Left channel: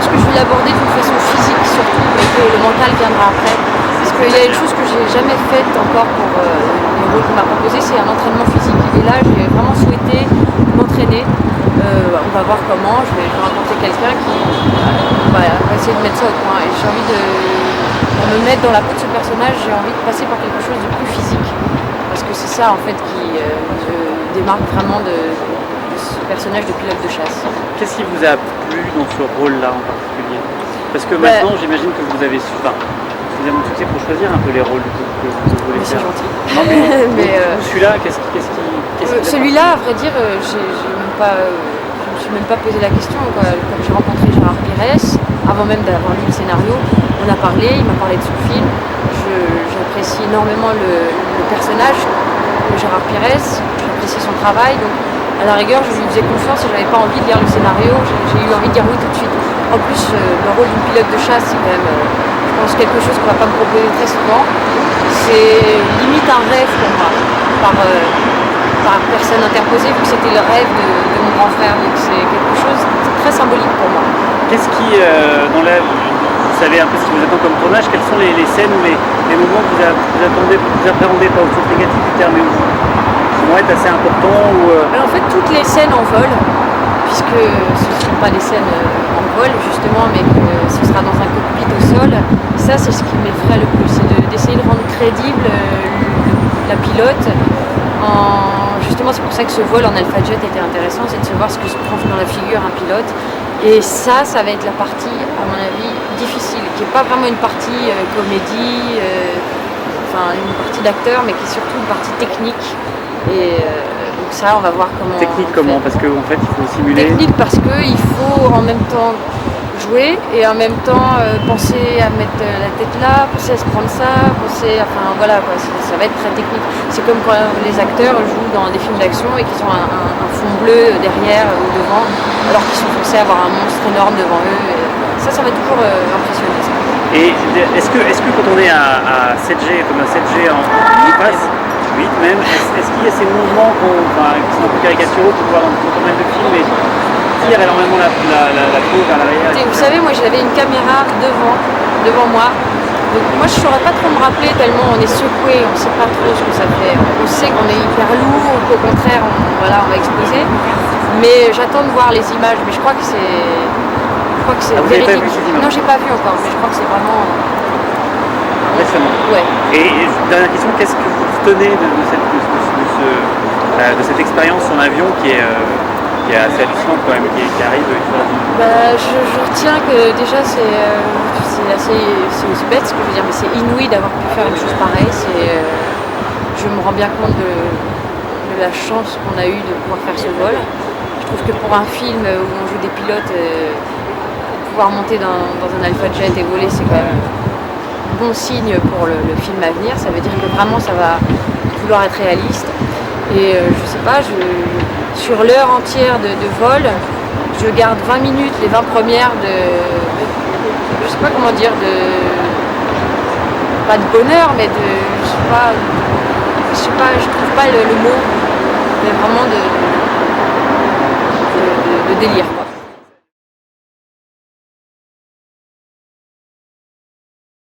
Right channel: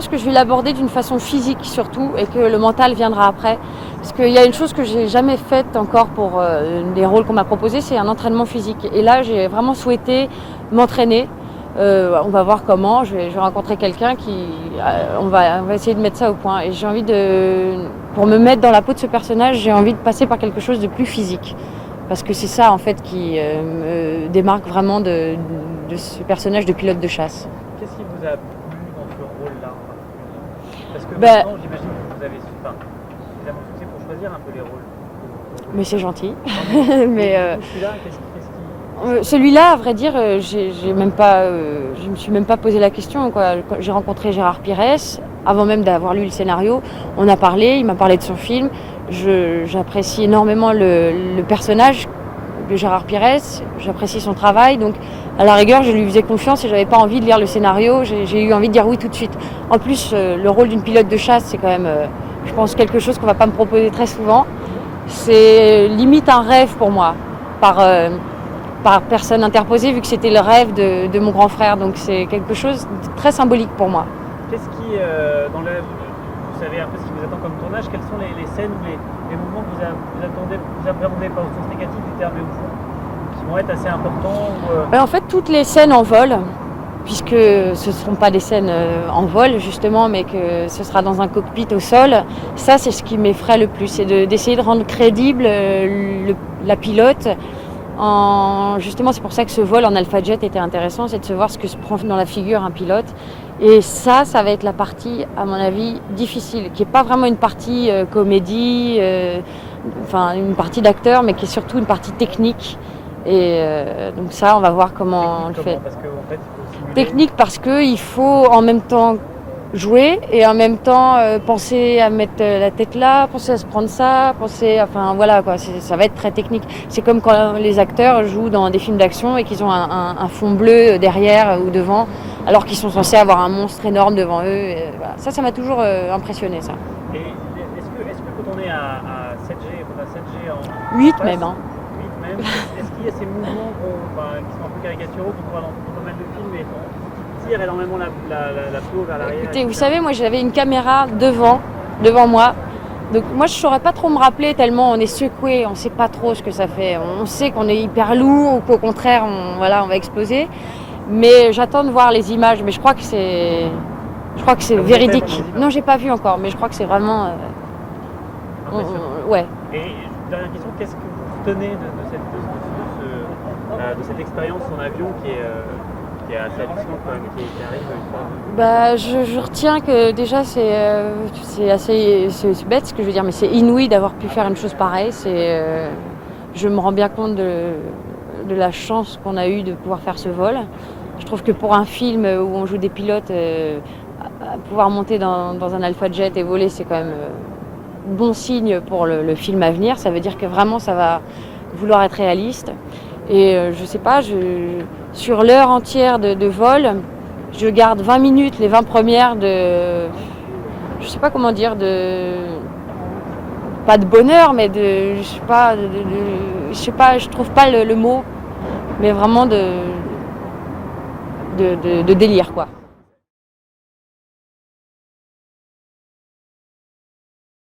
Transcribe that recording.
pense que je vais l'aborder d'une façon physique surtout, et que le mental viendra après. Parce qu'il y a une chose que j'ai jamais faite encore pour les rôles qu'on m'a proposés, c'est un entraînement physique. Et là, j'ai vraiment souhaité m'entraîner. On va voir comment, je vais rencontrer quelqu'un qui on va essayer de mettre ça au point. Et j'ai envie pour me mettre dans la peau de ce personnage, j'ai envie de passer par quelque chose de plus physique. Parce que c'est ça en fait qui me démarque vraiment de ce personnage de pilote de chasse. Qu'est-ce qui vous a plu dans ce rôle-là en particulier? Parce que maintenant, j'imagine que vous avez suffisamment de succès pour choisir un peu les rôles que vous voulez Mais c'est faire. gentil. Non, mais celui-là, qu'est-ce qui celui-là, à vrai dire, je me suis même pas posé la question. J'ai rencontré Gérard Pires avant même d'avoir lu le scénario. On a parlé, il m'a parlé de son film. J'apprécie énormément le personnage de Gérard Pires, j'apprécie son travail. Donc, à la rigueur, je lui faisais confiance et j'avais pas envie de lire le scénario. J'ai eu envie de dire oui tout de suite. En plus, le rôle d'une pilote de chasse, c'est quand même, je pense, quelque chose qu'on va pas me proposer très souvent. C'est limite un rêve pour moi, par personne interposée, vu que c'était le rêve de mon grand frère. Donc c'est quelque chose de très symbolique pour moi. Qu'est-ce qui, vous savez un peu ce qui vous attend comme tournage, quelles sont les scènes ou les moments que vous appréhendez, pas au sens négatif du terme, mais qui vont être assez importants En fait, toutes les scènes en vol, puisque ce ne sont pas des scènes en vol justement, mais que ce sera dans un cockpit au sol, ça c'est ce qui m'effraie le plus, c'est d'essayer de rendre crédible la pilote. Justement, c'est pour ça que ce vol en Alpha Jet était intéressant, c'est de se voir ce que se prend dans la figure un pilote. Et ça va être la partie, à mon avis, difficile, qui n'est pas vraiment une partie comédie, une partie d'acteur, mais qui est surtout une partie technique. Et donc ça, on va voir comment. Technique comment? Parce qu'en fait, il faut simuler. Technique parce qu'il faut en même temps jouer et en même temps penser à mettre la tête là, penser à se prendre ça, voilà quoi, ça va être très technique. C'est comme quand les acteurs jouent dans des films d'action et qu'ils ont un fond bleu derrière ou devant, alors qu'ils sont censés avoir un monstre énorme devant eux. Ça va toujours impressionner ça. Et est-ce que quand on est à 7G, comme un 7G en 8 même, est-ce qu'il y a ces mouvements qui sont un peu caricaturaux qu'on voit dans pas mal de films et tire énormément la peau vers l'arrière? Vous savez, moi j'avais une caméra devant moi. Donc moi je ne saurais pas trop me rappeler tellement on est secoué, on ne sait pas trop ce que ça fait. On sait qu'on est hyper lourd, qu'au contraire on va exploser. Mais j'attends de voir les images, mais je crois que c'est véridique. Non, j'ai pas vu encore, mais je crois que c'est vraiment. Récemment. Ouais. Et dernière question, qu'est-ce que vous retenez de cette expérience en avion qui est assez hallucinante quand même, qui arrive une fois? Je retiens que déjà c'est bête ce que je veux dire, mais c'est inouï d'avoir pu faire une chose pareille. Je me rends bien compte de la chance qu'on a eue de pouvoir faire ce vol. Je trouve que pour un film où on joue des pilotes, pouvoir monter dans un Alpha Jet et voler, c'est quand même bon signe pour le film à venir. Ça veut dire que vraiment ça va vouloir être réaliste. Et je sais pas, sur l'heure entière de vol, je garde 20 minutes, les 20 premières je sais pas comment dire, pas de bonheur, mais je trouve pas le mot, mais vraiment de délire quoi.